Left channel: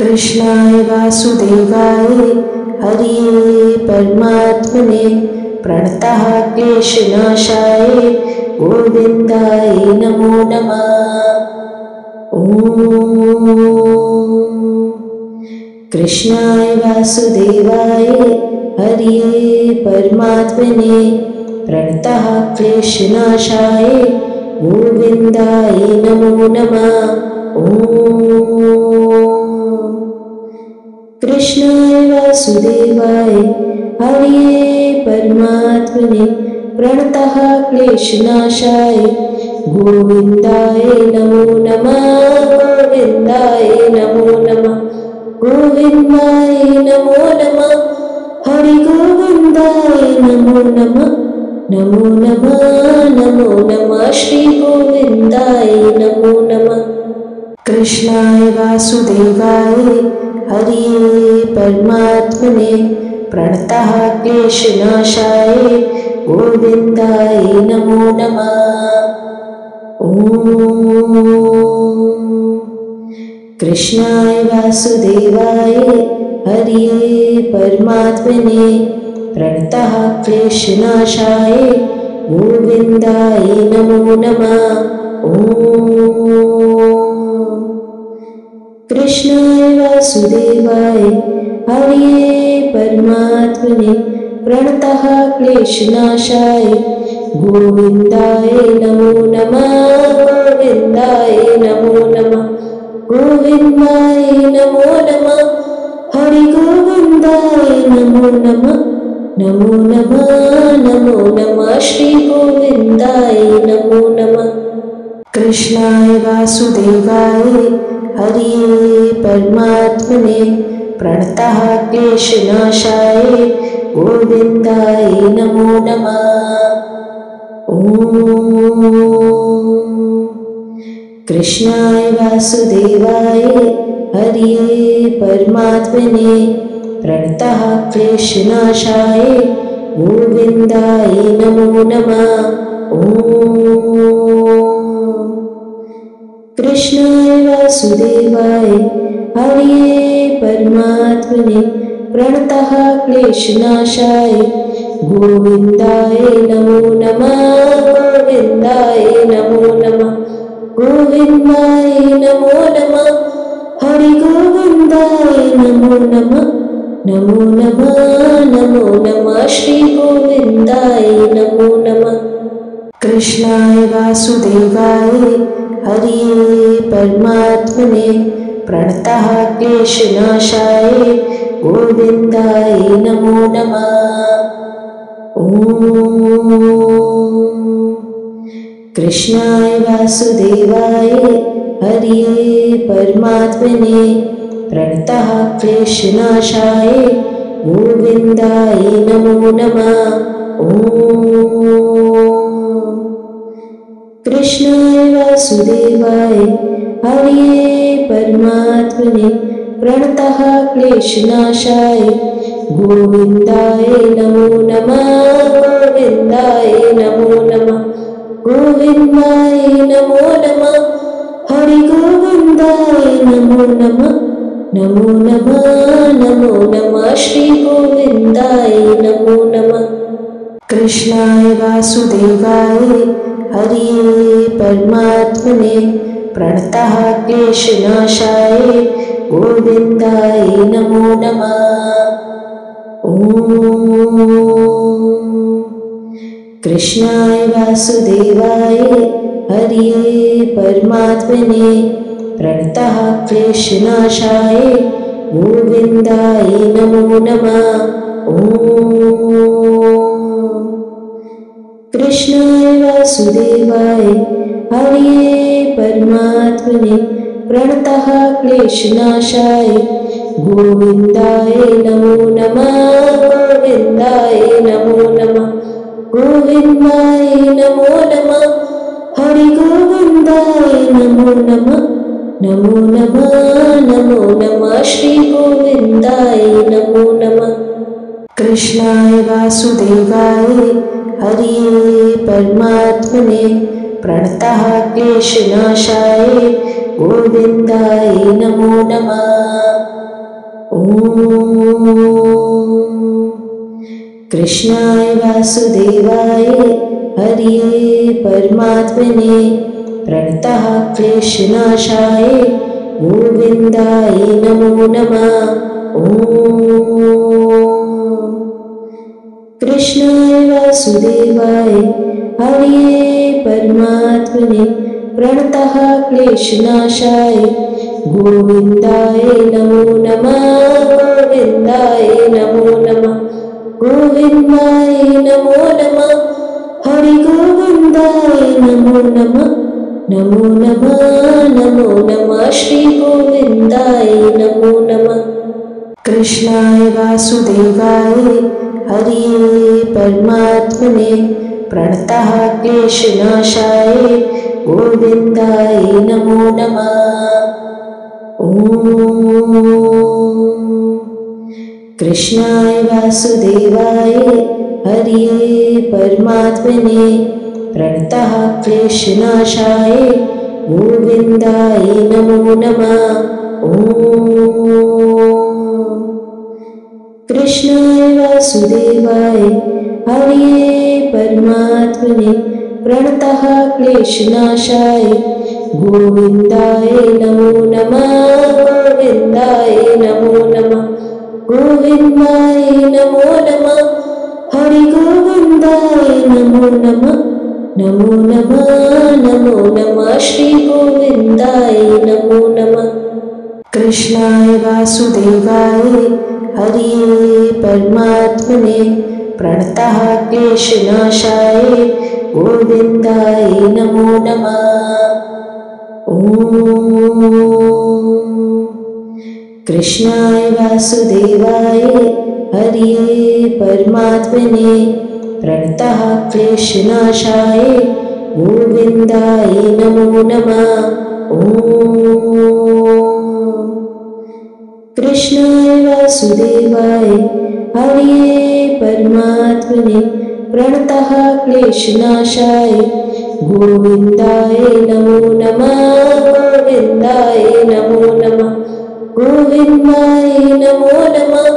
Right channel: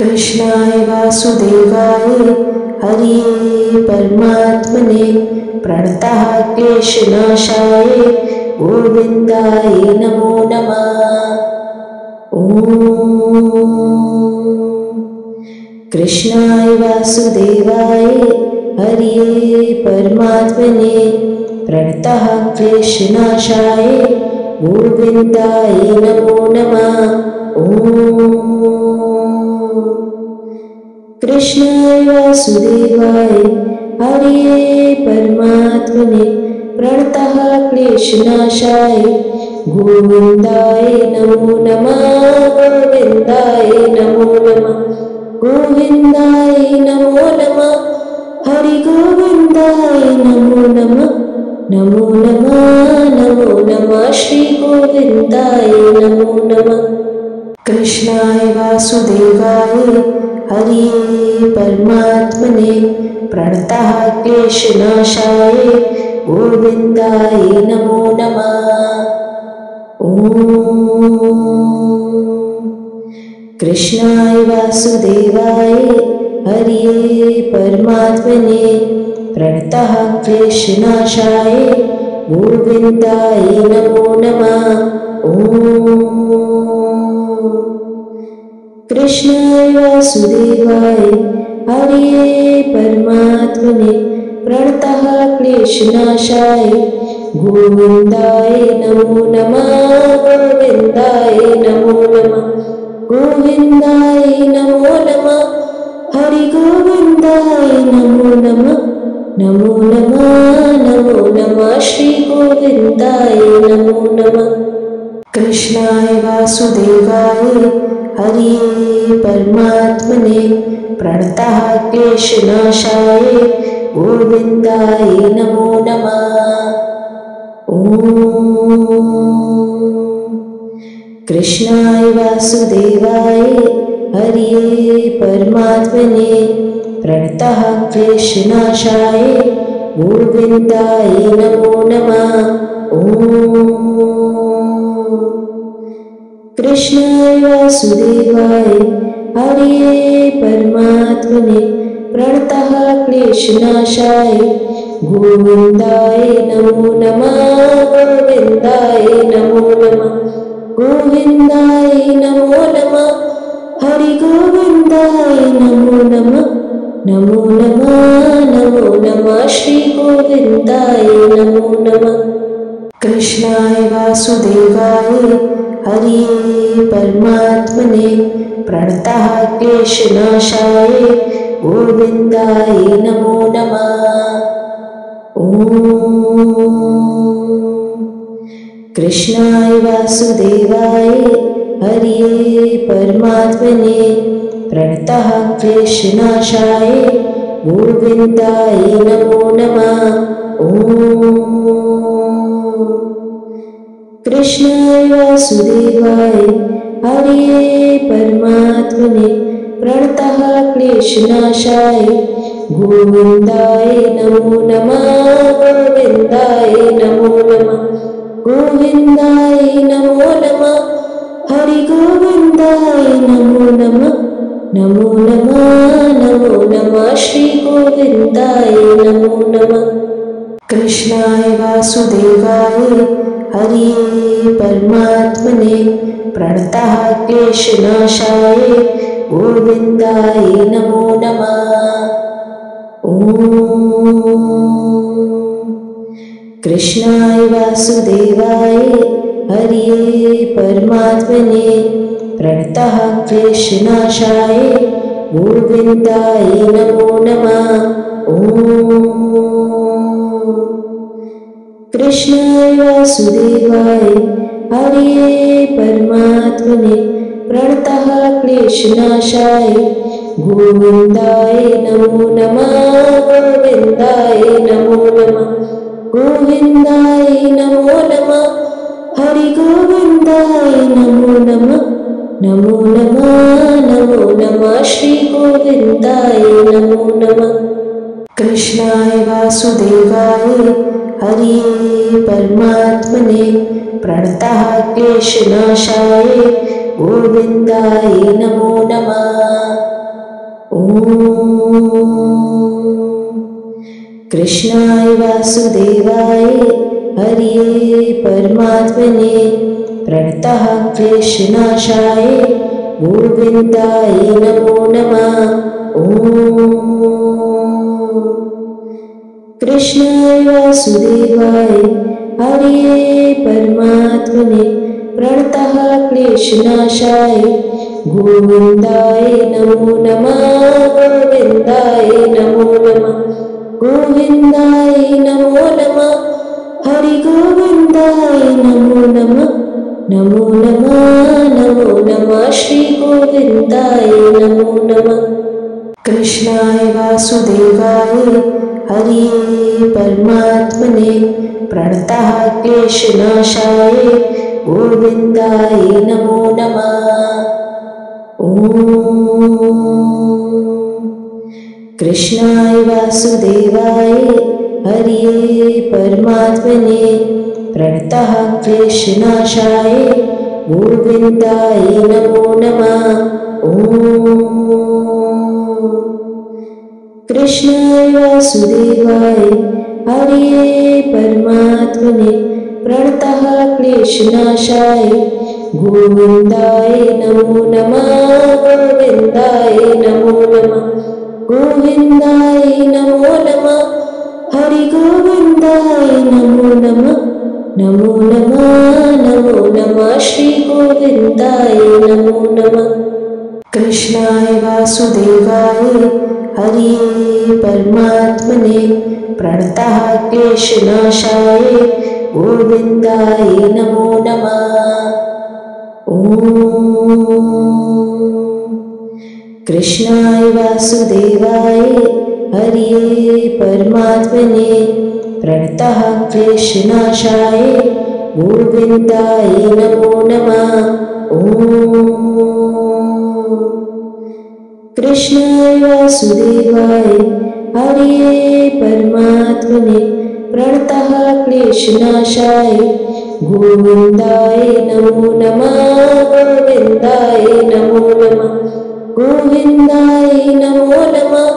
कृष्णाय वासुदेवाय हरिये परमात्मने प्रणतः क्लेशनाशाय गोविन्दाय नमो नमः। कृष्णाय वासुदेवाय हरिये परमात्मने प्रणतः क्लेशनाशाय गोविन्दाय नमो नमः। कृष्णाय वासुदेवाय हरिये परमात्मने प्रणतः क्लेशनाशाय गोविन्दाय नमो नमः। गोविन्दाय नमो नमः। गोविन्दाय नमो नमः। हरि गोविन्दाय नमो नमः। नमो नमः नमो नमः श्री गोविन्दाय नमो नमः। कृष्णाय वासुदेवाय हरिये परमात्मने प्रणतः क्लेशनाशाय गोविन्दाय नमो नमः। कृष्णाय वासुदेवाय हरिये परमात्मने प्रणतः क्लेशनाशाय गोविन्दाय नमो नमः। कृष्णाय वासुदेवाय हरिये परमात्मने प्रणतः क्लेशनाशाय गोविन्दाय नमो नमः। गोविन्दाय नमो नमः। गोविन्दाय नमो नमः। हरि गोविन्दाय नमो नमः। नमो नमः नमो नमः श्री गोविन्दाय नमो नमः। कृष्णाय वासुदेवाय हरिये परमात्मने प्रणतः क्लेशनाशाय गोविन्दाय नमो नमः। कृष्णाय वासुदेवाय हरिये परमात्मने प्रणतः क्लेशनाशाय गोविन्दाय नमो नमः। कृष्णाय वासुदेवाय हरिये परमात्मने प्रणतः क्लेशनाशाय गोविन्दाय नमो नमः। गोविन्दाय नमो नमः। गोविन्दाय नमो नमः। हरि गोविन्दाय नमो नमः। नमो नमः नमो नमः श्री गोविन्दाय नमो नमः। कृष्णाय वासुदेवाय हरिये परमात्मने प्रणतः क्लेशनाशाय गोविन्दाय नमो नमः। कृष्णाय वासुदेवाय हरिये परमात्मने प्रणतः क्लेशनाशाय गोविन्दाय नमो नमः। कृष्णाय वासुदेवाय हरिये परमात्मने प्रणतः क्लेशनाशाय गोविन्दाय नमो नमः। गोविन्दाय नमो नमः। गोविन्दाय नमो नमः। हरि गोविन्दाय नमो नमः। नमो नमः नमो नमः श्री गोविन्दाय नमो नमः। कृष्णाय वासुदेवाय हरिये परमात्मने प्रणतः क्लेशनाशाय गोविन्दाय नमो नमः। कृष्णाय वासुदेवाय हरिये परमात्मने प्रणतः क्लेशनाशाय गोविन्दाय नमो नमः। कृष्णाय वासुदेवाय हरिये परमात्मने प्रणतः क्लेशनाशाय गोविन्दाय नमो नमः। गोविन्दाय नमो नमः। गोविन्दाय नमो नमः। हरि गोविन्दाय नमो नमः। नमो नमः नमो नमः श्री गोविन्दाय नमो नमः। कृष्णाय वासुदेवाय हरिये परमात्मने प्रणतः क्लेशनाशाय गोविन्दाय नमो नमः। ॐ कृष्णाय वासुदेवाय हरये परमात्मने प्रणतः क्लेशनाशाय गोविन्दाय नमो नमः। ॐ कृष्णाय वासुदेवाय हरये परमात्मने प्रणतः क्लेशनाशाय गोविन्दाय नमो नमः। गोविन्दाय नमो नमः। गोविन्दाय नमो नमः। हरि गोविन्दाय नमो नमः। नमो नमः नमो नमः श्री गोविन्दाय नमो नमः। कृष्णाय वासुदेवाय हरये परमात्मने प्रणतः क्लेशनाशाय गोविन्दाय नमो नमः। ॐ कृष्णाय वासुदेवाय हरये परमात्मने प्रणतः क्लेशनाशाय गोविन्दाय नमो नमः। ॐ कृष्णाय वासुदेवाय हरये परमात्मने प्रणतः क्लेशनाशाय गोविन्दाय नमो नमः। गोविन्दाय नमो नमः। गोविन्दाय नमो नमः। हरि गोविन्दाय नमो नमः। नमो नमः नमो नमः श्री गोविन्दाय नमो नमः। कृष्णाय वासुदेवाय हरये परमात्मने प्रणतः क्लेशनाशाय गोविन्दाय नमो नमः। ॐ कृष्णाय वासुदेवाय हरये परमात्मने प्रणतः क्लेशनाशाय गोविन्दाय नमो नमः। ॐ कृष्णाय वासुदेवाय हरये परमात्मने प्रणतः क्लेशनाशाय गोविन्दाय नमो नमः। गोविन्दाय नमो नमः। गोविन्दाय नमो नमः।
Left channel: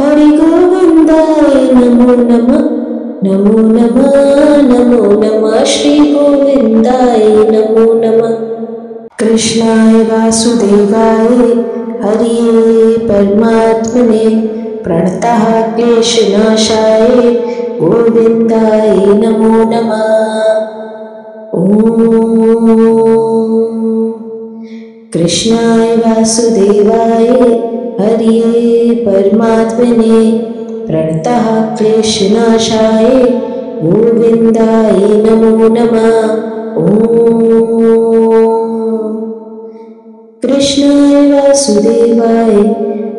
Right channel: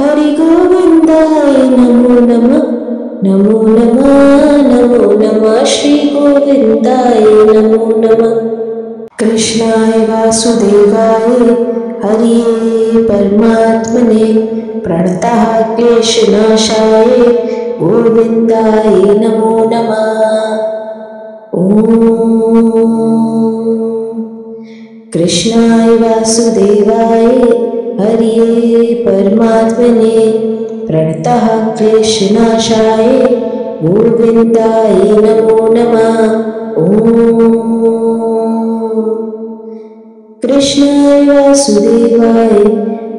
हरि गोविन्दाय नमो नमः। नमो नमः नमो नमः श्री गोविन्दाय नमो नमः। कृष्णाय वासुदेवाय हरये परमात्मने प्रणतः क्लेशनाशाय गोविन्दाय नमो नमः। ॐ कृष्णाय वासुदेवाय हरये परमात्मने प्रणतः क्लेशनाशाय गोविन्दाय नमो नमः। ॐ कृष्णाय वासुदेवाय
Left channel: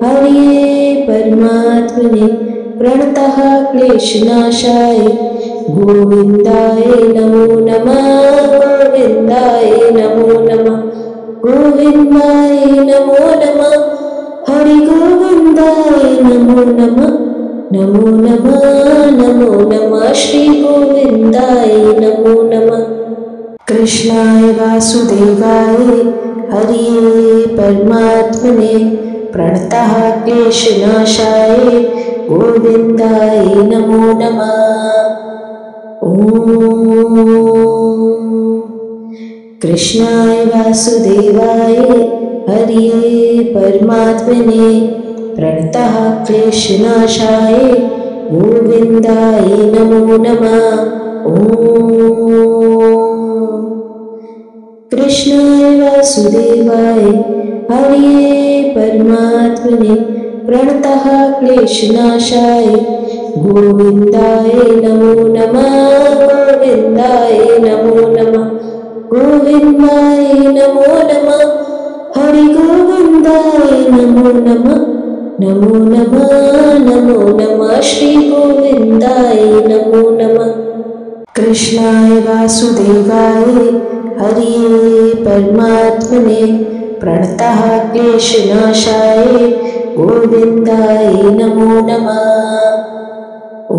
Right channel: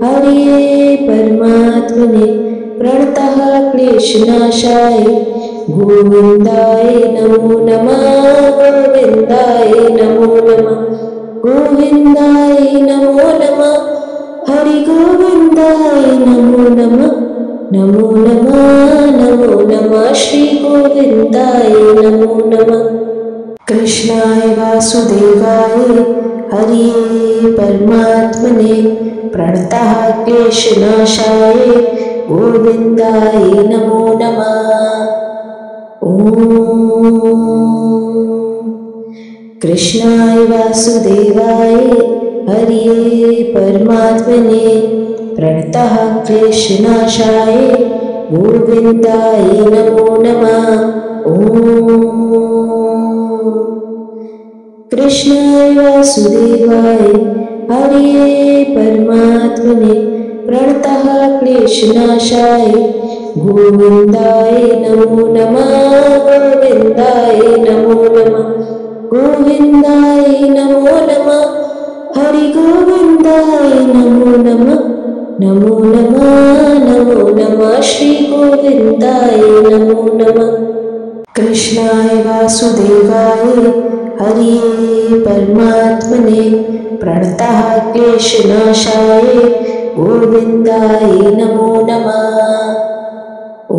हरये परमात्मने प्रणतः क्लेशनाशाय गोविन्दाय नमो नमः। गोविन्दाय नमो नमः। गोविन्दाय नमो नमः। हरि गोविन्दाय नमो नमः। नमो नमः नमो नमः श्री गोविन्दाय नमो नमः। कृष्णाय वासुदेवाय हरये परमात्मने प्रणतः क्लेशनाशाय गोविन्दाय नमो नमः। ॐ कृष्णाय वासुदेवाय हरये परमात्मने प्रणतः क्लेशनाशाय गोविन्दाय नमो नमः। ॐ कृष्णाय वासुदेवाय हरये परमात्मने प्रणतः क्लेशनाशाय गोविन्दाय नमो नमः। गोविन्दाय नमो नमः। गोविन्दाय नमो नमः। हरि गोविन्दाय नमो नमः। नमो नमः नमो नमः श्री गोविन्दाय नमो नमः। कृष्णाय वासुदेवाय हरये परमात्मने प्रणतः क्लेशनाशाय गोविन्दाय नमो नमः। ॐ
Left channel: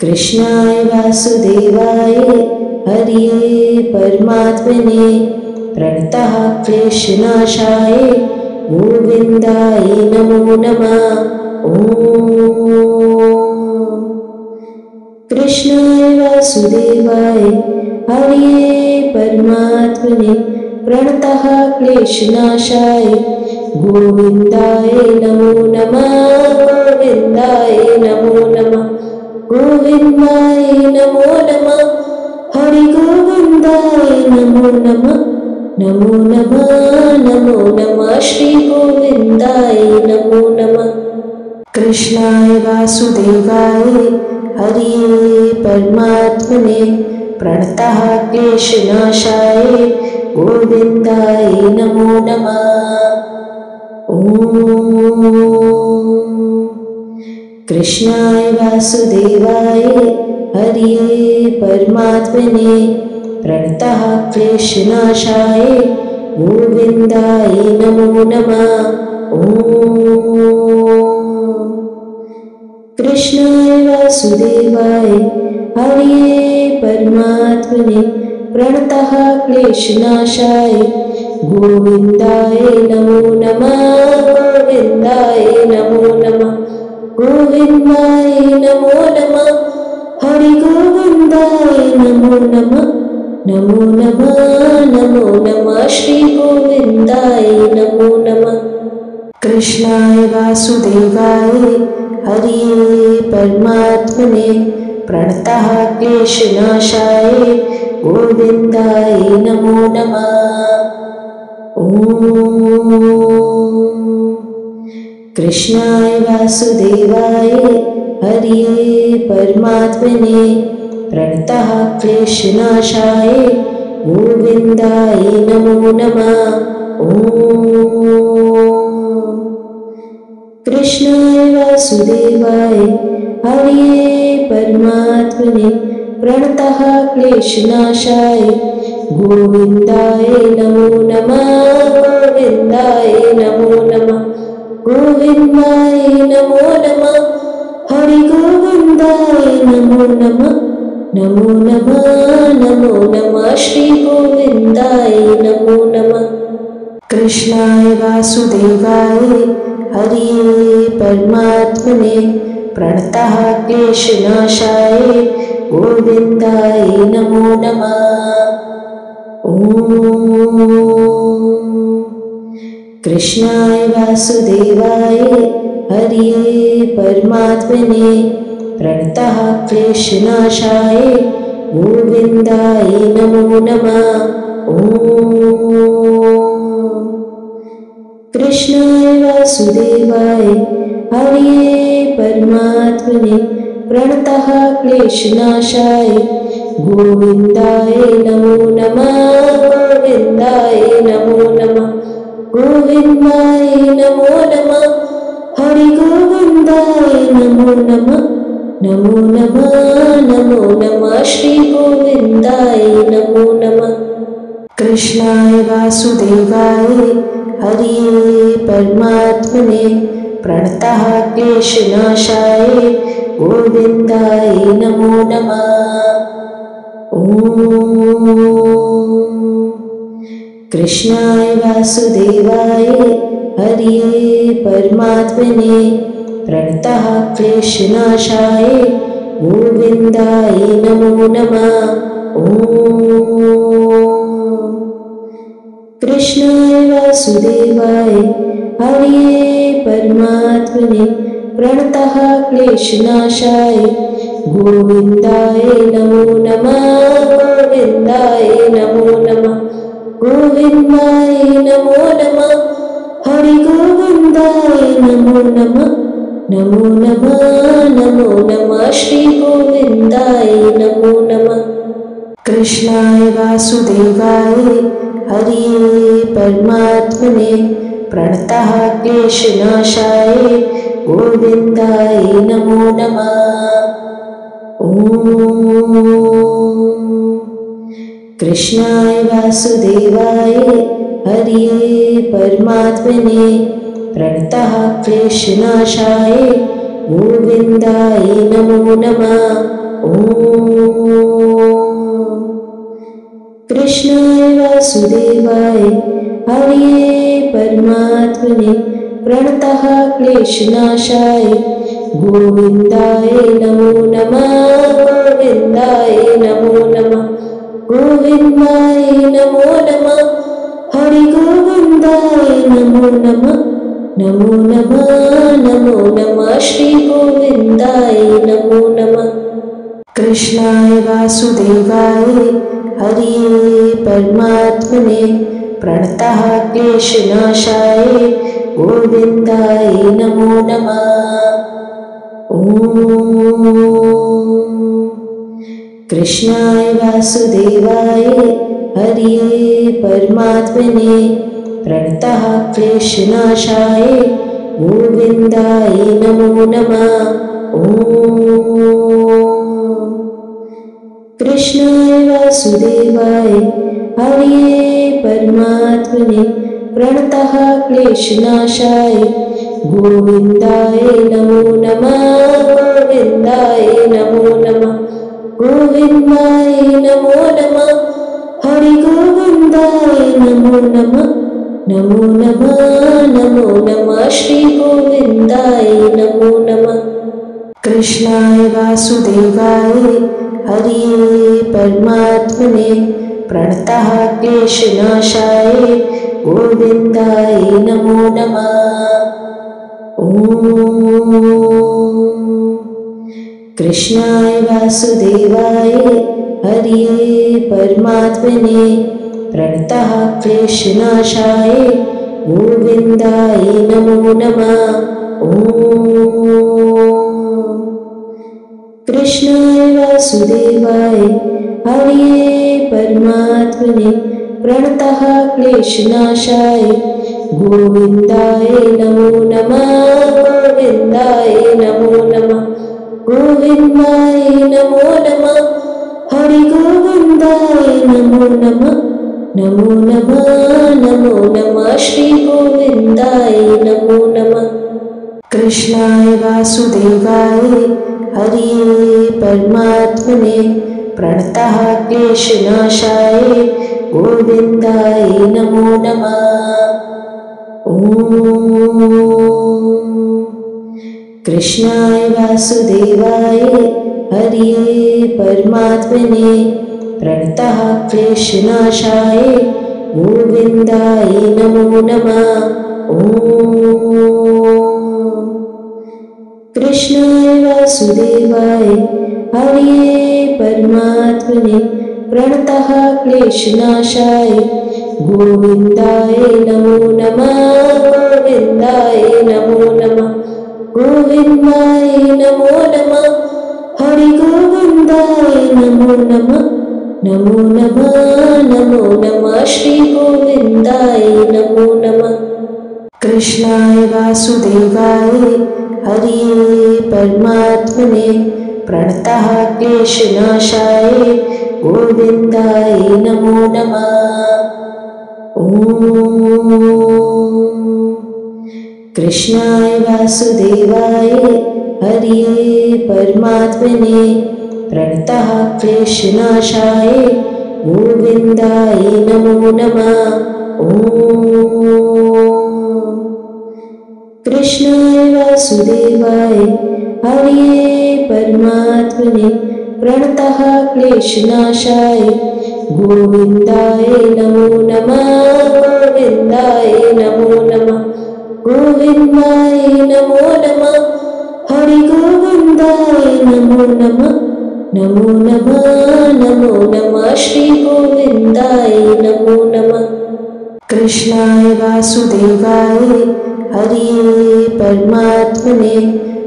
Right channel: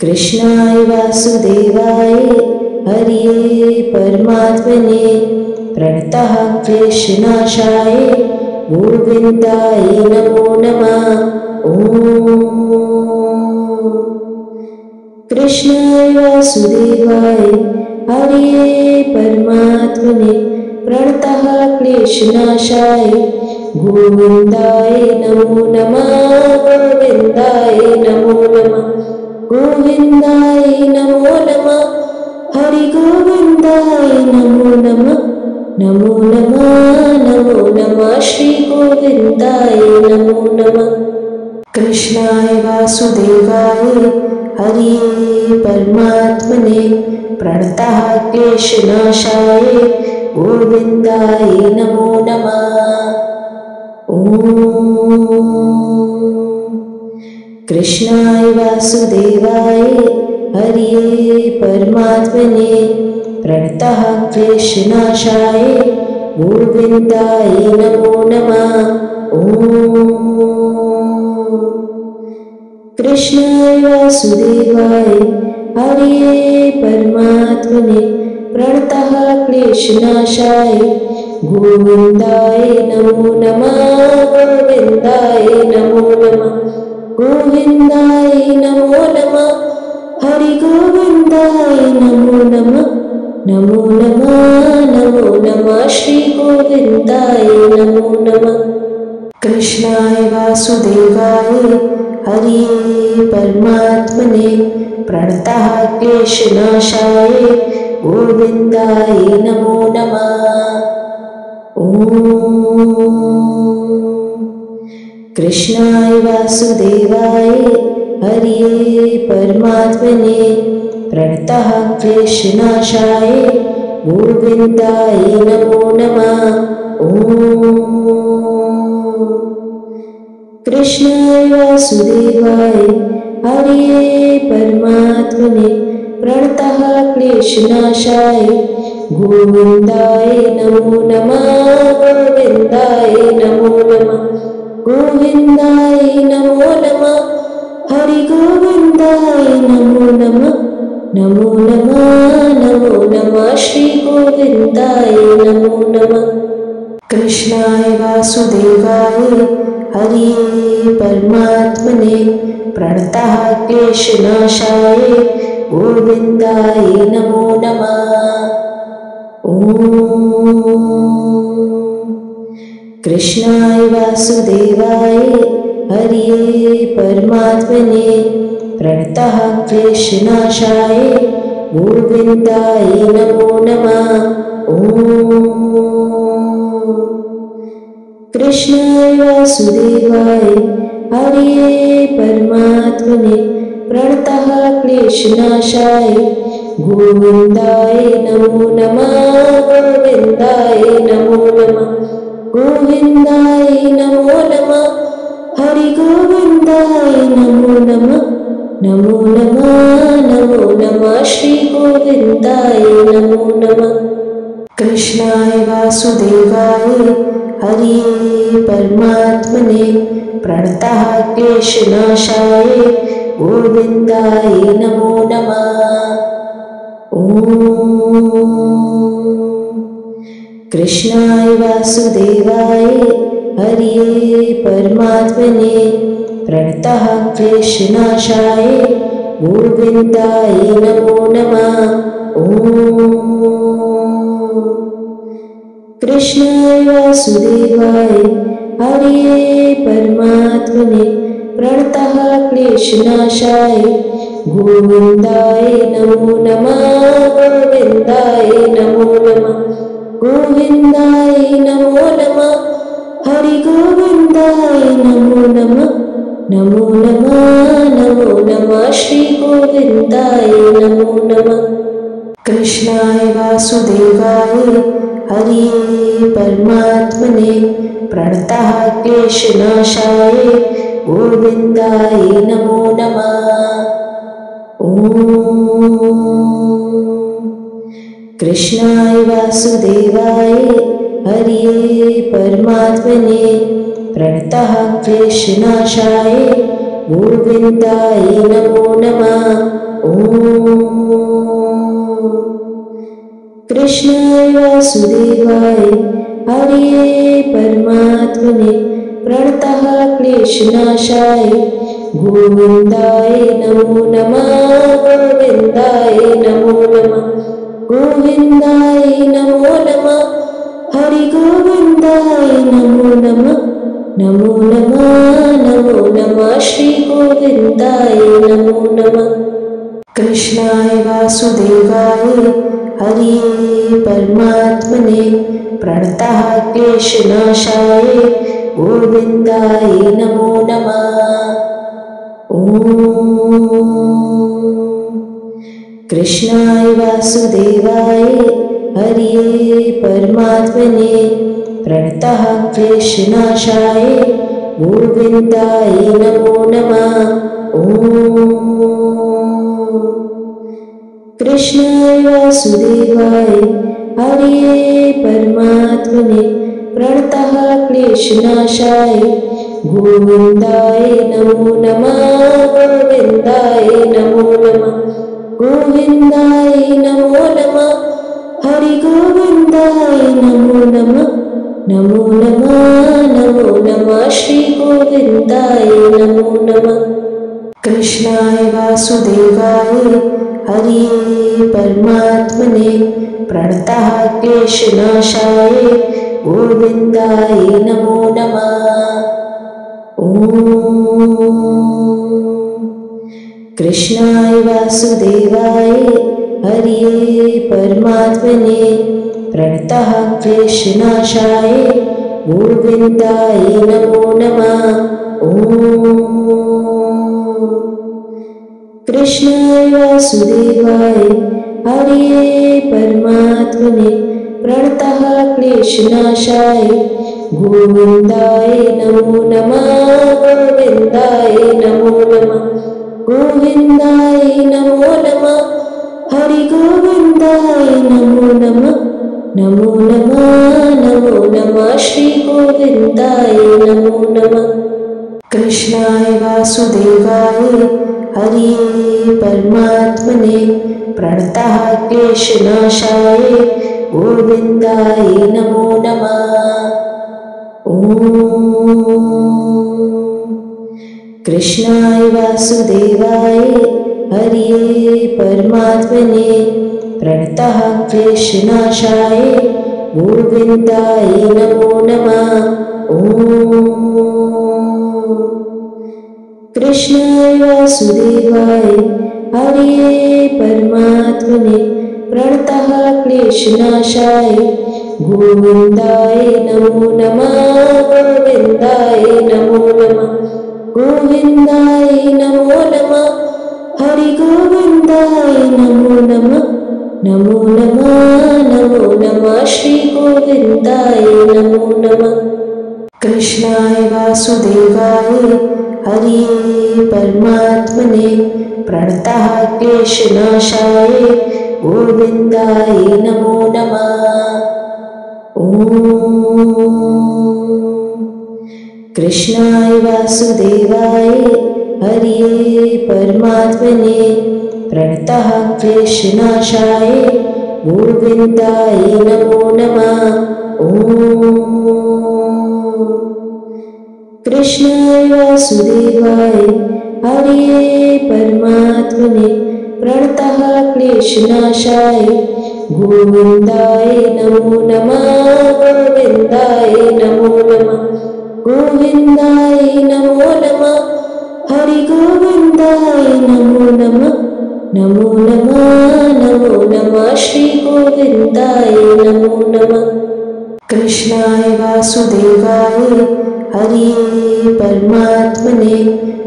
कृष्णाय वासुदेवाय हरिये परमात्मने प्रणतः क्लेशनाशाय गोविन्दाय नमो नमः। कृष्णाय वासुदेवाय हरिये परमात्मने प्रणतः क्लेशनाशाय गोविन्दाय नमो नमः। गोविन्दाय नमो नमः। गोविन्दाय नमो नमः। हरि गोविन्दाय नमो नमः। नमो नमः नमो नमः श्री गोविन्दाय नमो नमः। कृष्णाय वासुदेवाय हरिये परमात्मने प्रणतः क्लेशनाशाय गोविन्दाय नमो नमः। कृष्णाय वासुदेवाय हरिये परमात्मने प्रणतः क्लेशनाशाय गोविन्दाय नमो नमः। कृष्णाय वासुदेवाय हरिये परमात्मने प्रणतः क्लेशनाशाय गोविन्दाय नमो नमः। गोविन्दाय नमो नमः। गोविन्दाय नमो नमः। हरि गोविन्दाय नमो नमः। नमो नमः नमो नमः श्री गोविन्दाय नमो नमः। कृष्णाय वासुदेवाय हरिये परमात्मने प्रणतः क्लेशनाशाय गोविन्दाय नमो नमः। कृष्णाय वासुदेवाय हरिये परमात्मने प्रणतः क्लेशनाशाय गोविन्दाय नमो नमः। कृष्णाय वासुदेवाय हरिये परमात्मने प्रणतः क्लेशनाशाय गोविन्दाय नमो नमः। गोविन्दाय नमो नमः। गोविन्दाय नमो नमः। हरि गोविन्दाय नमो नमः। नमो नमः नमो नमः श्री गोविन्दाय नमो नमः। कृष्णाय वासुदेवाय हरिये परमात्मने प्रणतः क्लेशनाशाय गोविन्दाय नमो नमः। कृष्णाय वासुदेवाय हरिये परमात्मने प्रणतः क्लेशनाशाय गोविन्दाय नमो नमः। कृष्णाय वासुदेवाय हरिये परमात्मने प्रणतः क्लेशनाशाय गोविन्दाय नमो नमः। गोविन्दाय नमो नमः। गोविन्दाय नमो नमः। हरि गोविन्दाय नमो नमः। नमो नमः नमो नमः श्री गोविन्दाय नमो नमः। कृष्णाय वासुदेवाय हरिये परमात्मने प्रणतः क्लेशनाशाय गोविन्दाय नमो नमः। कृष्णाय वासुदेवाय हरिये परमात्मने प्रणतः क्लेशनाशाय गोविन्दाय नमो नमः। कृष्णाय वासुदेवाय हरिये परमात्मने प्रणतः क्लेशनाशाय गोविन्दाय नमो नमः। गोविन्दाय नमो नमः। गोविन्दाय नमो नमः। हरि गोविन्दाय नमो नमः। नमो नमः नमो नमः श्री गोविन्दाय नमो नमः। कृष्णाय वासुदेवाय हरिये परमात्मने प्रणतः क्लेशनाशाय गोविन्दाय नमो नमः। कृष्णाय वासुदेवाय हरिये परमात्मने प्रणतः क्लेशनाशाय गोविन्दाय नमो नमः। कृष्णाय वासुदेवाय हरये परमात्मने प्रणतः क्लेशनाशाय गोविन्दाय नमो नमः गोविन्दाय नमो नमः गोविन्दाय नमो नमः हरि गोविन्दाय नमो नमः नमो नमः श्री गोविन्दाय नमो नमः कृष्णाय वासुदेवाय हरये परमात्मने प्रणतः क्लेशनाशाय गोविन्दाय नमो नमः ॐ कृष्णाय वासुदेवाय हरये परमात्मने प्रणतः क्लेशनाशाय गोविन्दाय नमो नमः ॐ कृष्णाय वासुदेवाय हरये परमात्मने प्रणतः क्लेशनाशाय गोविन्दाय नमो नमः गोविन्दाय नमो नमः गोविन्दाय नमो नमः हरि गोविन्दाय नमो नमः श्री गोविन्दाय नमो नमः कृष्णाय वासुदेवाय हरये परमात्मने प्रणतः क्लेशनाशाय गोविन्दाय नमो नमः ॐ कृष्णाय वासुदेवाय हरये परमात्मने प्रणतः क्लेशनाशाय गोविन्दाय नमो नमः ॐ कृष्णाय वासुदेवाय हरये परमात्मने प्रणतः क्लेशनाशाय गोविन्दाय नमो नमः गोविन्दाय नमो नमः गोविन्दाय नमो नमः हरि गोविन्दाय नमो नमः श्री गोविन्दाय नमो नमः कृष्णाय वासुदेवाय हरये परमात्मने प्रणतः क्लेशनाशाय गोविन्दाय नमो नमः ॐ कृष्णाय वासुदेवाय हरये परमात्मने प्रणतः क्लेशनाशाय गोविन्दाय नमो नमः ॐ कृष्णाय वासुदेवाय हरये परमात्मने प्रणतः क्लेशनाशाय गोविन्दाय नमो नमः गोविन्दाय नमो नमः गोविन्दाय नमो नमः हरि गोविन्दाय नमो नमः श्री गोविन्दाय नमो नमः कृष्णाय वासुदेवाय हरये परमात्मने प्रणतः क्लेशनाशाय गोविन्दाय नमो नमः ॐ कृष्णाय वासुदेवाय हरये परमात्मने प्रणतः क्लेशनाशाय गोविन्दाय नमो नमः ॐ कृष्णाय वासुदेवाय हरये परमात्मने प्रणतः क्लेशनाशाय गोविन्दाय नमो नमः गोविन्दाय नमो नमः गोविन्दाय नमो नमः हरि गोविन्दाय नमो नमः श्री गोविन्दाय नमो नमः कृष्णाय वासुदेवाय हरये परमात्मने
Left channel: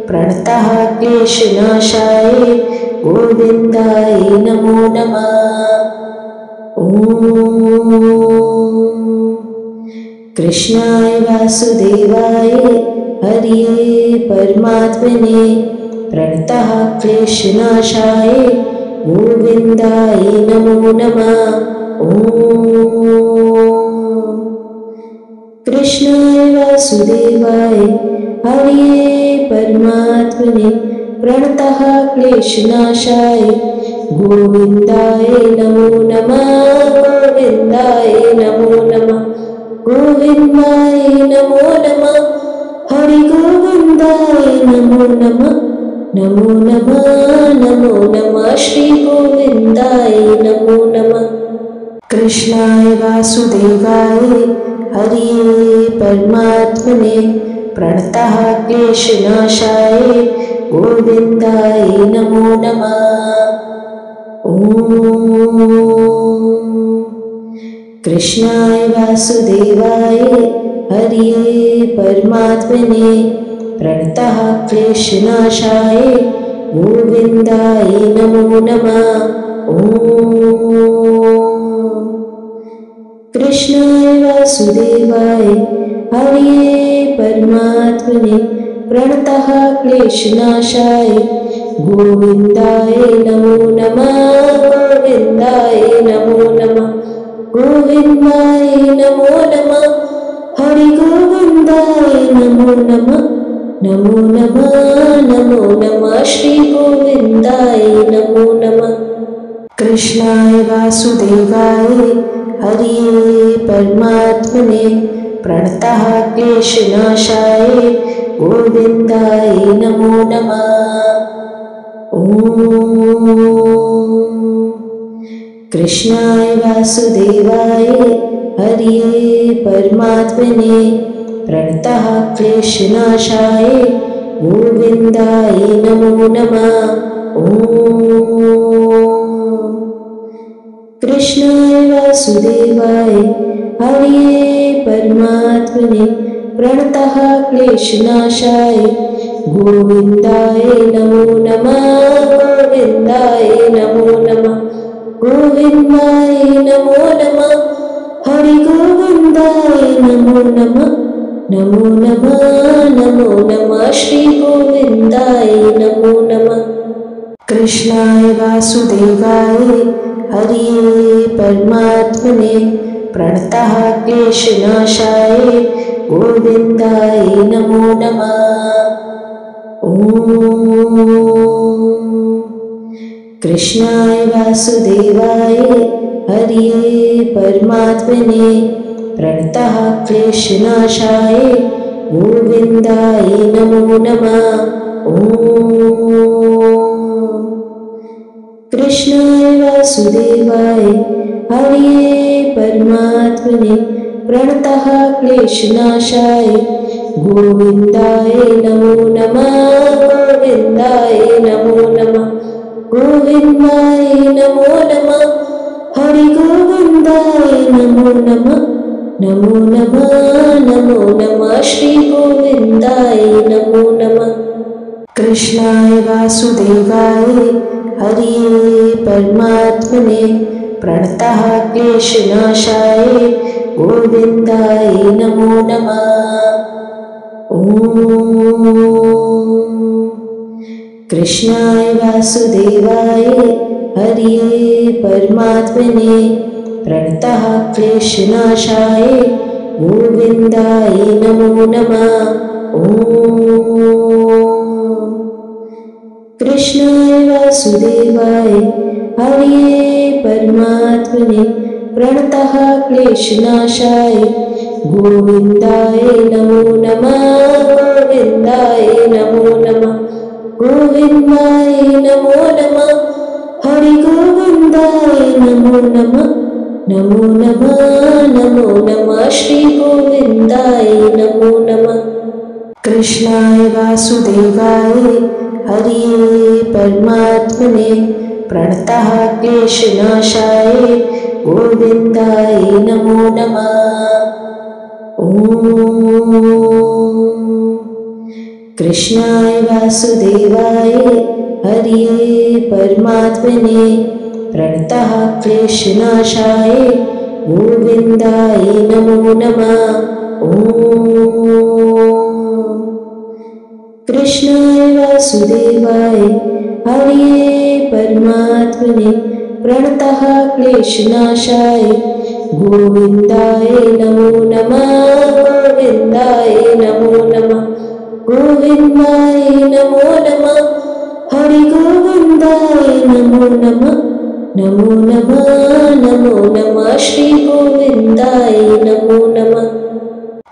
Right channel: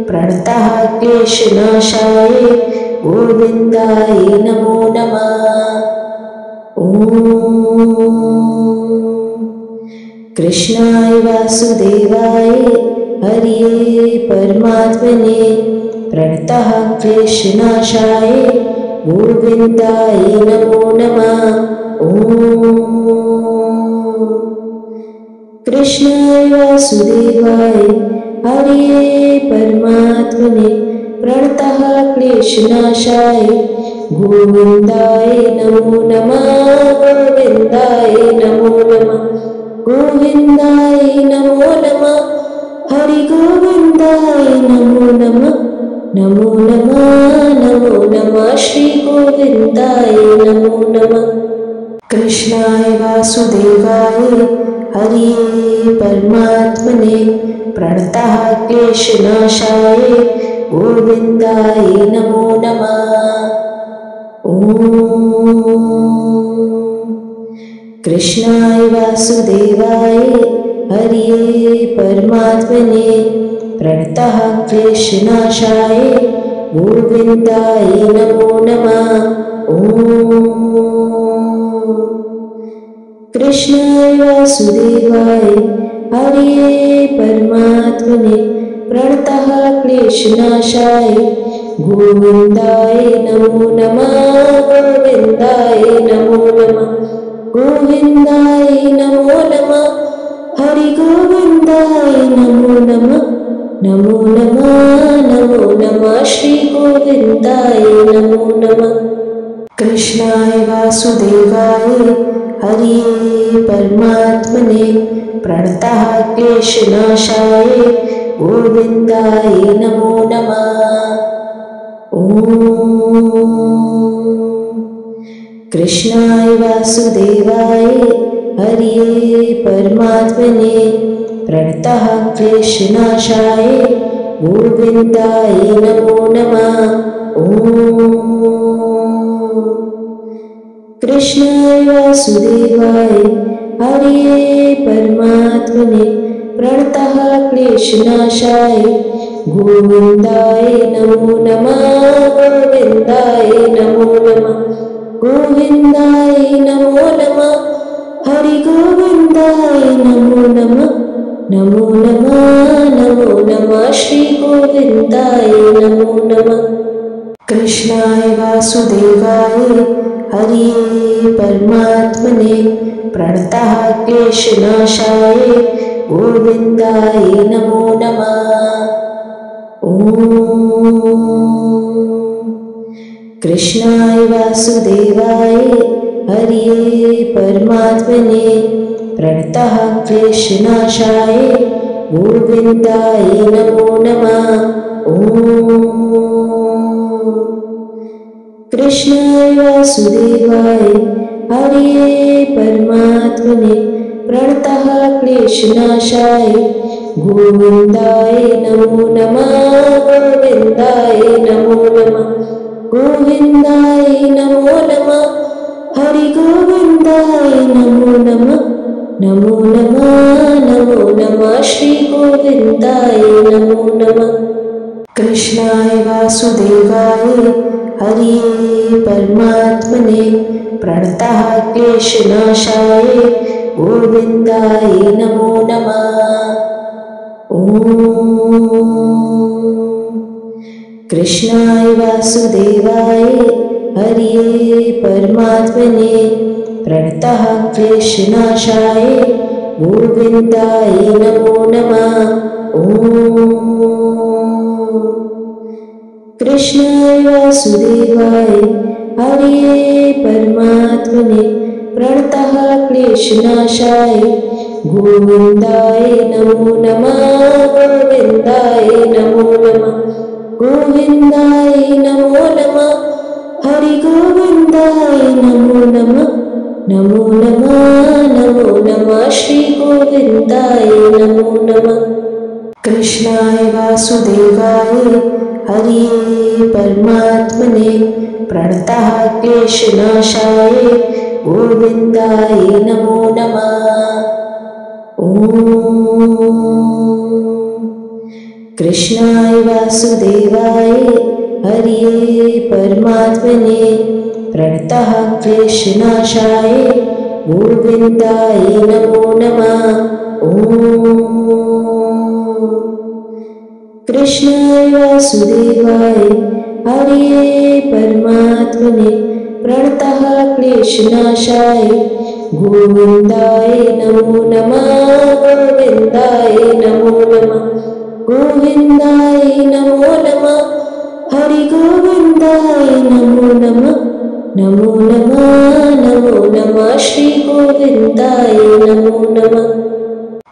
प्रणतः क्लेशनाशाय गोविन्दाय नमो नमः ॐ कृष्णाय वासुदेवाय हरये परमात्मने प्रणतः क्लेशनाशाय गोविन्दाय नमो नमः ॐ कृष्णाय वासुदेवाय हरये परमात्मने प्रणतः क्लेशनाशाय गोविन्दाय नमो नमः गोविन्दाय नमो नमः गोविन्दाय नमो नमः हरि गोविन्दाय नमो नमः नमो नमः श्री गोविन्दाय नमो नमः कृष्णाय वासुदेवाय हरिये परमात्मने प्रणतः क्लेशनाशाय गोविन्दाय नमो नमः ॐ कृष्णाय वासुदेवाय हरिये परमात्मने प्रणतः क्लेशनाशाय गोविन्दाय नमो नमः ॐ कृष्णाय वासुदेवाय हरिये परमात्मने प्रणतः क्लेशनाशाय गोविन्दाय नमो नमः गोविन्दाय नमो नमः गोविन्दाय नमो नमः हरि गोविन्दाय नमो नमः श्री गोविन्दाय नमो नमः कृष्णाय वासुदेवाय हरिये परमात्मने प्रणतः क्लेशनाशाय गोविन्दाय नमो नमः ॐ कृष्णाय वासुदेवाय हरिये परमात्मने प्रणतः क्लेशनाशाय गोविन्दाय नमो नमः ॐ कृष्णाय वासुदेवाय हरिये परमात्मने प्रणतः क्लेशनाशाय गोविन्दाय नमो नमः गोविन्दाय नमो नमः गोविन्दाय नमो नमः हरि गोविन्दाय नमो नमः श्री गोविन्दाय नमो नमः कृष्णाय वासुदेवाय हरिये परमात्मने प्रणतः क्लेशनाशाय गोविन्दाय नमो नमः ॐ कृष्णाय वासुदेवाय हरिये परमात्मने प्रणतः क्लेशनाशाय गोविन्दाय नमो नमः ॐ कृष्णाय वासुदेवाय हरिये परमात्मने प्रणतः क्लेशनाशाय गोविन्दाय नमो नमः गोविन्दाय नमो नमः गोविन्दाय नमो नमः हरि गोविन्दाय नमो नमः श्री गोविन्दाय नमो नमः कृष्णाय वासुदेवाय हरिये परमात्मने प्रणतः क्लेशनाशाय गोविन्दाय नमो नमः ॐ कृष्णाय वासुदेवाय हरिये परमात्मने प्रणतः क्लेशनाशाय गोविन्दाय नमो नमः ॐ कृष्णाय वासुदेवाय हरिये परमात्मने प्रणतः क्लेशनाशाय गोविन्दाय नमो नमः गोविन्दाय नमो नमः गोविन्दाय नमो नमः हरि गोविन्दाय नमो नमः श्री गोविन्दाय नमो नमः कृष्णाय वासुदेवाय हरिये परमात्मने प्रणतः क्लेशनाशाय गोविन्दाय नमो नमः ॐ कृष्णाय वासुदेवाय हरिये परमात्मने प्रणतः क्लेशनाशाय गोविन्दाय नमो नमः ॐ कृष्णाय वासुदेवाय हरिये परमात्मने प्रणतः क्लेशनाशाय गोविन्दाय नमो नमः गोविन्दाय नमो नमः गोविन्दाय नमो नमः हरि गोविन्दाय नमो नमः गोविन्दाय नमो नमः।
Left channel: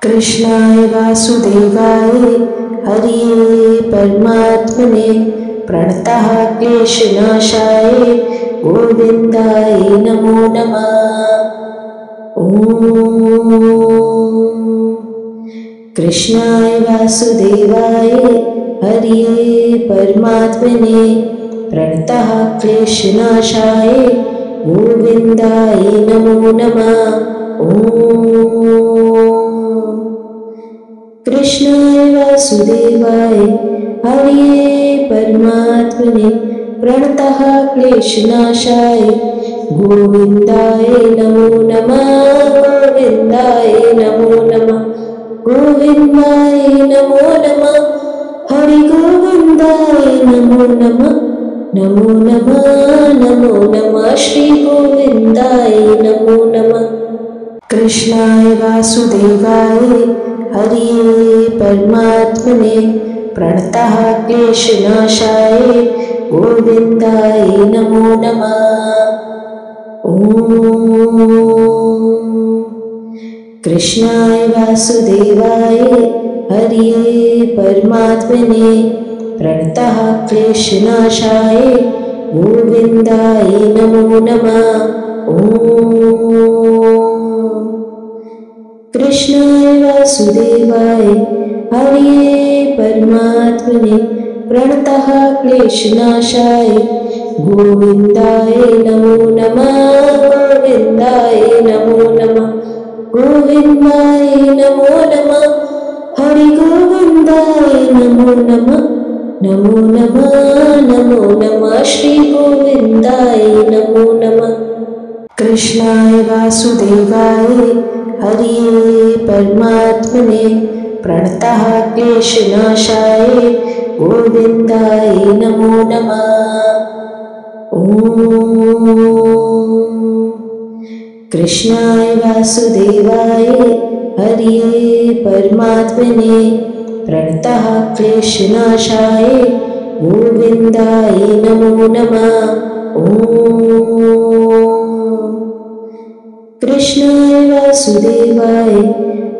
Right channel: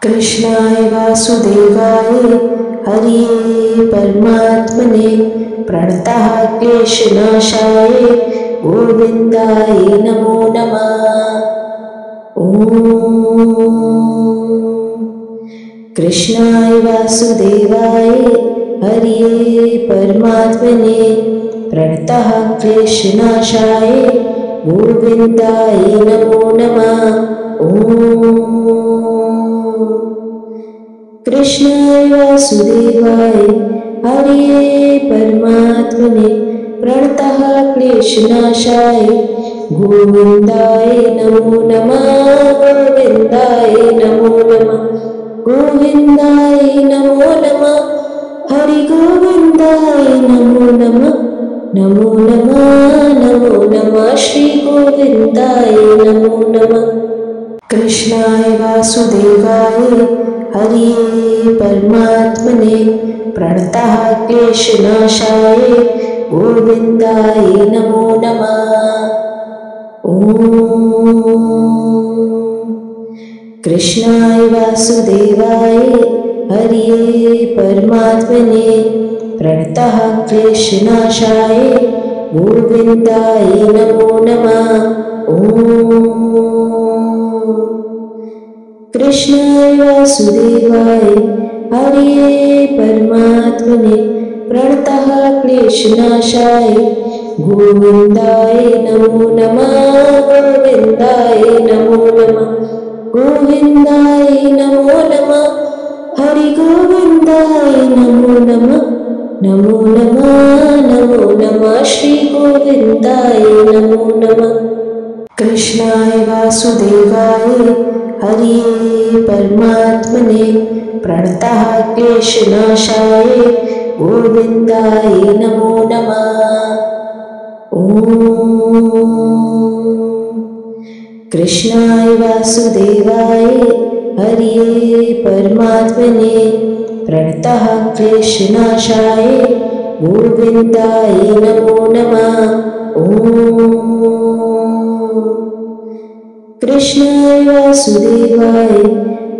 कृष्णाय वासुदेवाय हरिये परमात्मने प्रणतः क्लेशनाशाय गोविन्दाय नमो नमः। ॐ कृष्णाय वासुदेवाय हरिये परमात्मने प्रणतः क्लेशनाशाय गोविन्दाय नमो नमः। ॐ कृष्णाय वासुदेवाय हरिये परमात्मने प्रणतः क्लेशनाशाय गोविन्दाय नमो नमः। गोविन्दाय नमो नमः। गोविन्दाय नमो नमः। हरि गोविन्दाय नमो नमः। नमो नमः नमो नमः श्री गोविन्दाय नमो नमः। कृष्णाय वासुदेवाय हरिये परमात्मने प्रणतः क्लेशनाशाय गोविन्दाय नमो नमः। ॐ कृष्णाय वासुदेवाय हरिये परमात्मने प्रणतः क्लेशनाशाय गोविन्दाय नमो नमः। ॐ कृष्णाय वासुदेवाय हरिये परमात्मने प्रणतः क्लेशनाशाय गोविन्दाय नमो नमः। गोविन्दाय नमो नमः। गोविन्दाय नमो नमः। हरि गोविन्दाय नमो नमः। नमो नमः नमो नमः श्री गोविन्दाय नमो नमः। कृष्णाय वासुदेवाय हरिये परमात्मने प्रणतः क्लेशनाशाय गोविन्दाय नमो नमः। ॐ कृष्णाय वासुदेवाय हरिये परमात्मने प्रणतः क्लेशनाशाय गोविन्दाय नमो नमः। ॐ कृष्णाय वासुदेवाय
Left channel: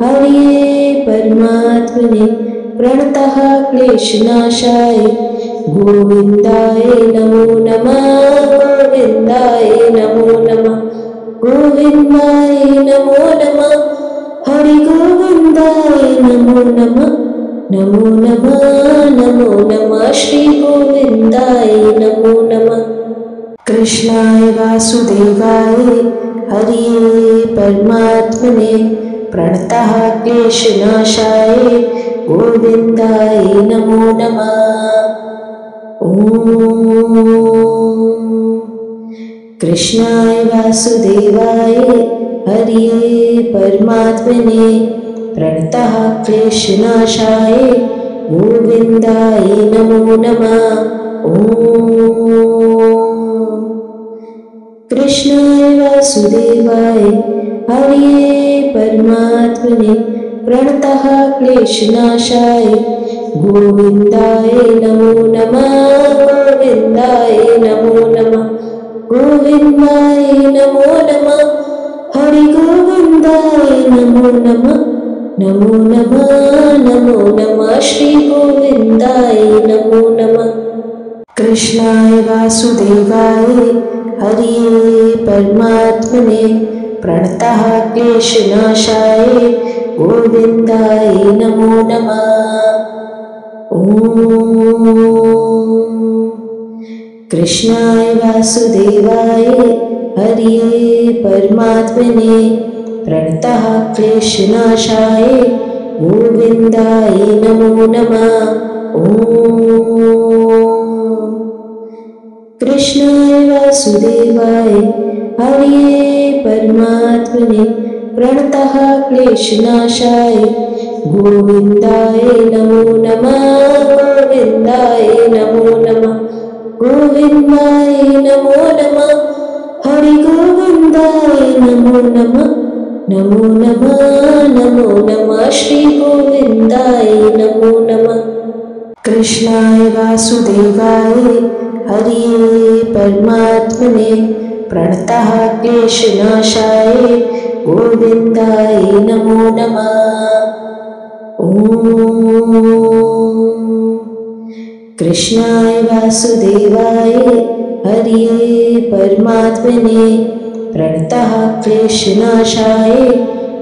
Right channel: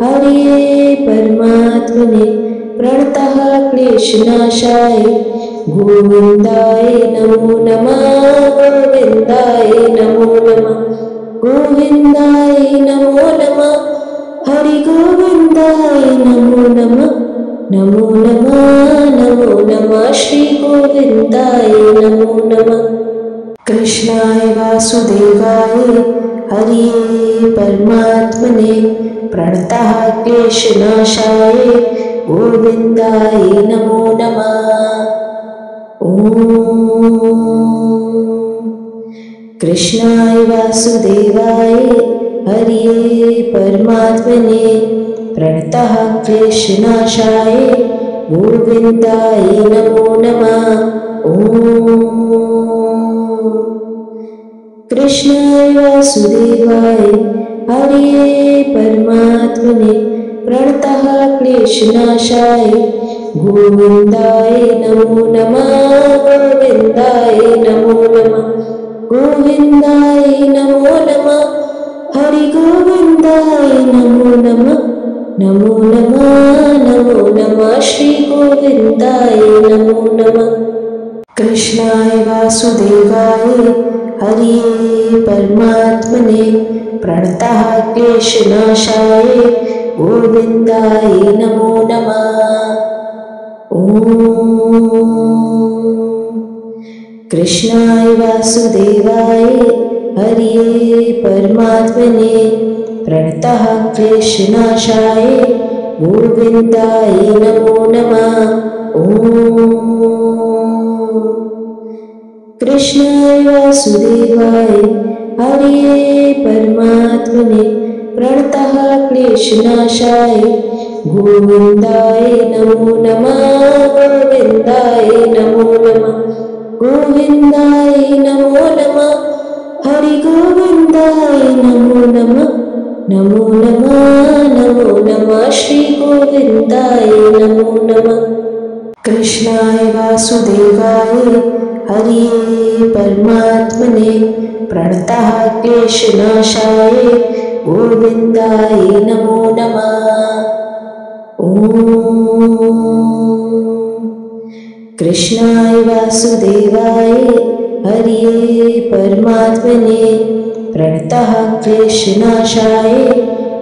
हरिये परमात्मने प्रणतः क्लेशनाशाय गोविन्दाय नमो नमः। गोविन्दाय नमो नमः। गोविन्दाय नमो नमः। हरि गोविन्दाय नमो नमः। नमो नमः नमो नमः श्री गोविन्दाय नमो नमः। कृष्णाय वासुदेवाय हरिये परमात्मने प्रणतः क्लेशनाशाय गोविन्दाय नमो नमः। ॐ कृष्णाय वासुदेवाय हरिये परमात्मने प्रणतः क्लेशनाशाय गोविन्दाय नमो नमः। ॐ कृष्णाय वासुदेवाय हरिये परमात्मने प्रणतः क्लेशनाशाय गोविन्दाय नमो नमः। गोविन्दाय नमो नमः। गोविन्दाय नमो नमः। हरि गोविन्दाय नमो नमः। नमो नमः नमो नमः श्री गोविन्दाय नमो नमः। कृष्णाय वासुदेवाय हरिये परमात्मने प्रणतः क्लेशनाशाय गोविन्दाय नमो नमः। ॐ कृष्णाय वासुदेवाय हरिये परमात्मने प्रणतः क्लेशनाशाय गोविन्दाय नमो नमः। ॐ कृष्णाय वासुदेवाय हरिये परमात्मने प्रणतः क्लेशनाशाय गोविन्दाय नमो नमः। गोविन्दाय नमो नमः। गोविन्दाय नमो नमः। हरि गोविन्दाय नमो नमः। नमो नमः नमो नमः श्री गोविन्दाय नमो नमः। कृष्णाय वासुदेवाय हरिये परमात्मने प्रणतः क्लेशनाशाय गोविन्दाय नमो नमः। कृष्णाय वासुदेवाय हरये परमात्मने प्रणतः क्लेशनाशाय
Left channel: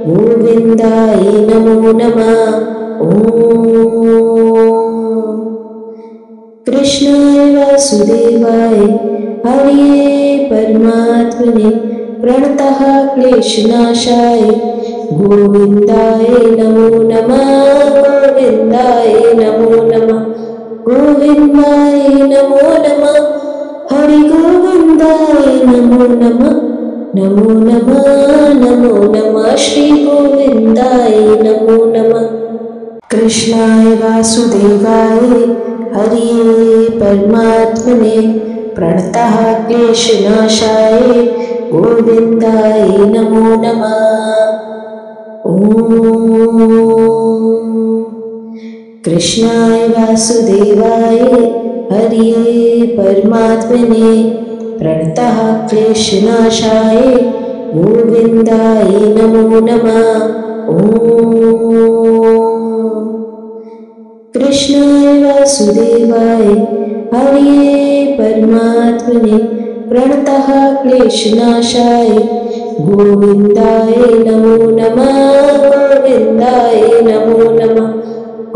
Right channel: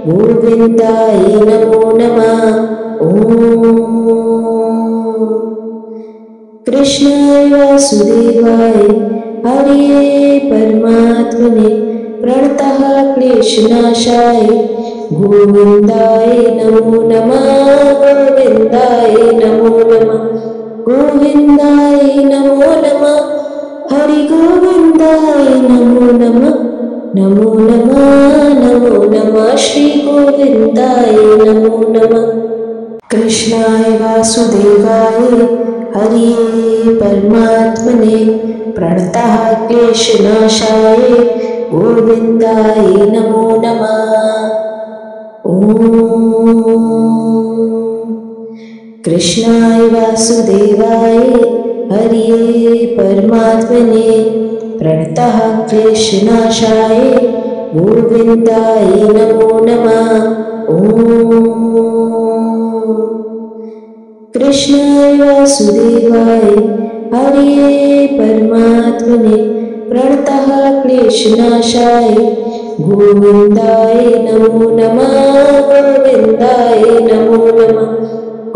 गोविन्दाय नमो नमः। कृष्णाय वासुदेवाय हरये परमात्मने प्रणतः क्लेशनाशाय गोविन्दाय नमो नमः। गोविन्दाय नमो नमः। गोविन्दाय नमो नमः। हरि गोविन्दाय नमो नमः। नमो नमः नमो नमः श्री गोविन्दाय नमो नमः। कृष्णाय वासुदेवाय हरये परमात्मने प्रणतः क्लेशनाशाय गोविन्दाय नमो नमः। कृष्णाय वासुदेवाय हरये परमात्मने प्रणतः क्लेशनाशाय गोविन्दाय नमो नमः। कृष्णाय वासुदेवाय हरये परमात्मने प्रणतः क्लेशनाशाय गोविन्दाय नमो नमः। गोविन्दाय नमो नमः।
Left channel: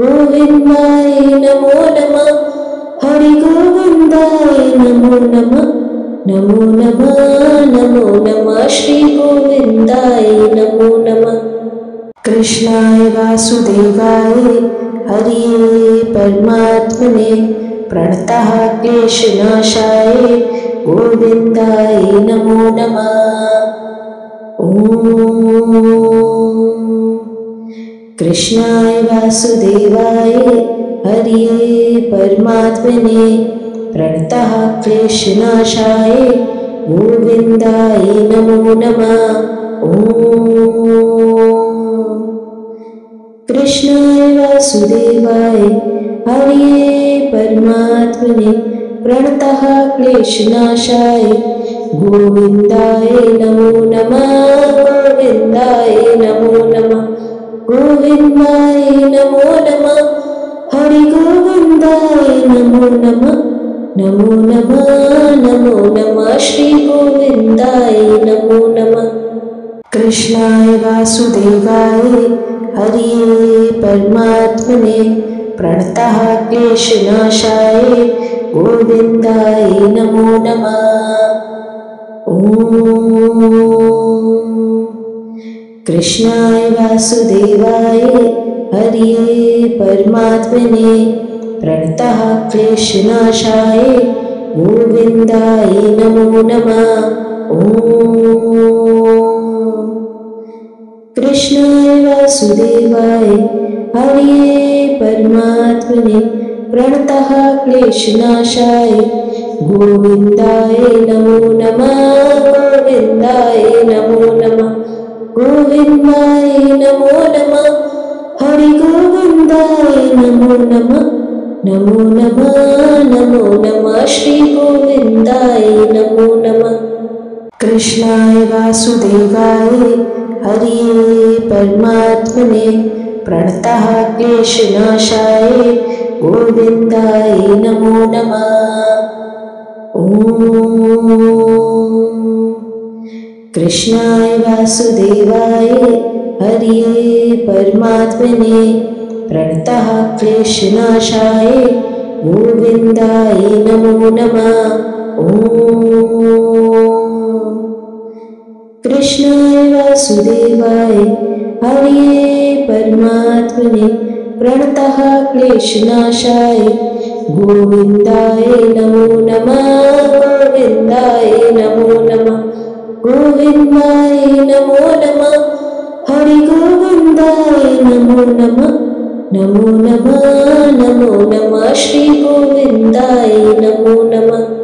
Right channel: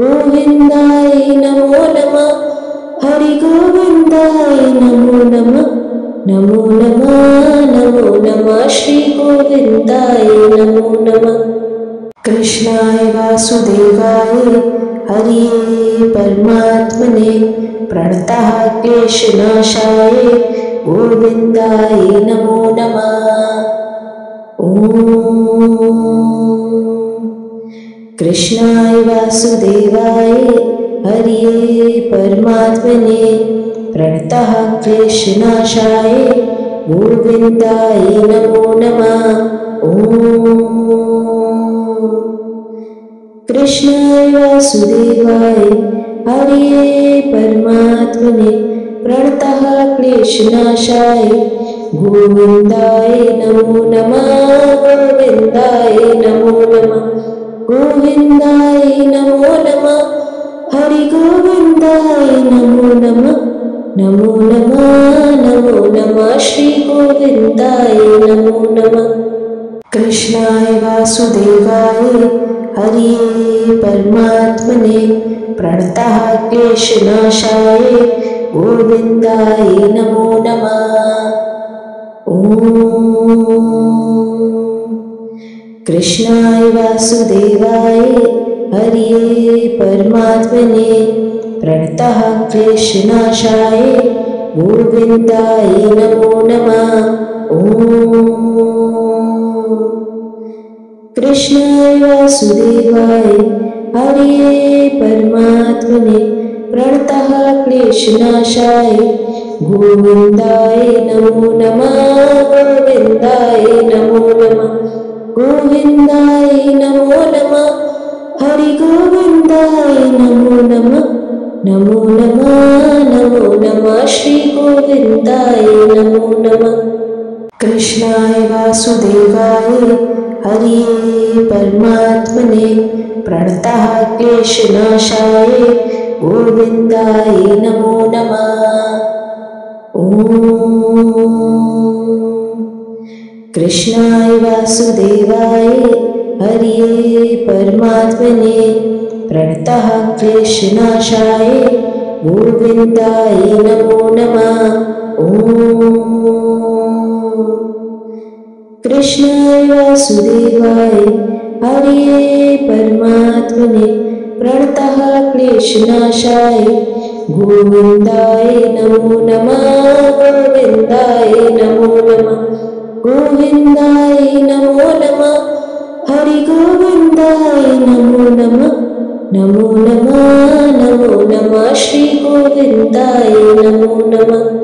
गोविन्दाय नमो नमः। हरि गोविन्दाय नमो नमः। नमो नमः नमो नमः श्री गोविन्दाय नमो नमः। कृष्णाय वासुदेवाय हरये परमात्मने प्रणतः क्लेशनाशाय गोविन्दाय नमो नमः। कृष्णाय वासुदेवाय हरये परमात्मने प्रणतः क्लेशनाशाय गोविन्दाय नमो नमः। कृष्णाय वासुदेवाय हरये परमात्मने प्रणतः क्लेशनाशाय गोविन्दाय नमो नमः। गोविन्दाय नमो नमः। गोविन्दाय नमो नमः। हरि गोविन्दाय नमो नमः। नमो नमः नमो नमः श्री गोविन्दाय नमो नमः। कृष्णाय वासुदेवाय हरये परमात्मने प्रणतः क्लेशनाशाय गोविन्दाय नमो नमः। कृष्णाय वासुदेवाय हरये परमात्मने प्रणतः क्लेशनाशाय गोविन्दाय नमो नमः। कृष्णाय वासुदेवाय हरये परमात्मने प्रणतः क्लेशनाशाय गोविन्दाय नमो नमः। गोविन्दाय नमो नमः। गोविन्दाय नमो नमः। हरि गोविन्दाय नमो नमः। नमो नमः नमो नमः श्री गोविन्दाय नमो नमः। कृष्णाय वासुदेवाय हरये परमात्मने प्रणतः क्लेशनाशाय गोविन्दाय नमो नमः। कृष्णाय वासुदेवाय हरये परमात्मने प्रणतः क्लेशनाशाय गोविन्दाय नमो नमः। कृष्णाय वासुदेवाय हरये परमात्मने प्रणतः क्लेशनाशाय गोविन्दाय नमो नमः। गोविन्दाय नमो नमः। गोविन्दाय नमो नमः। हरि गोविन्दाय नमो नमः। नमो नमः नमो नमः श्री गोविन्दाय नमो नमः।